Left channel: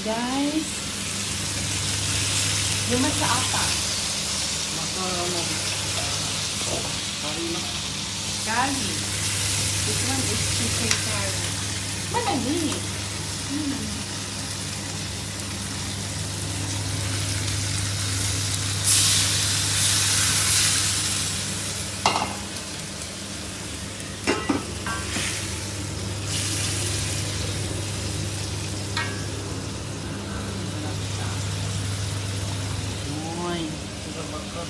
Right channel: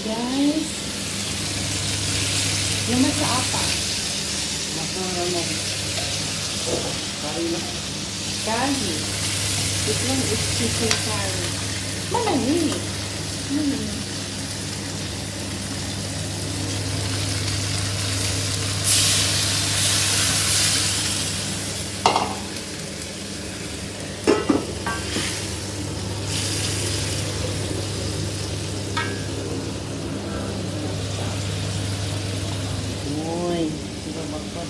Guys, naman sa apa. Maka, Kari na. Curry. Ito lang is chicken curry. Malami. Uy, suka baka.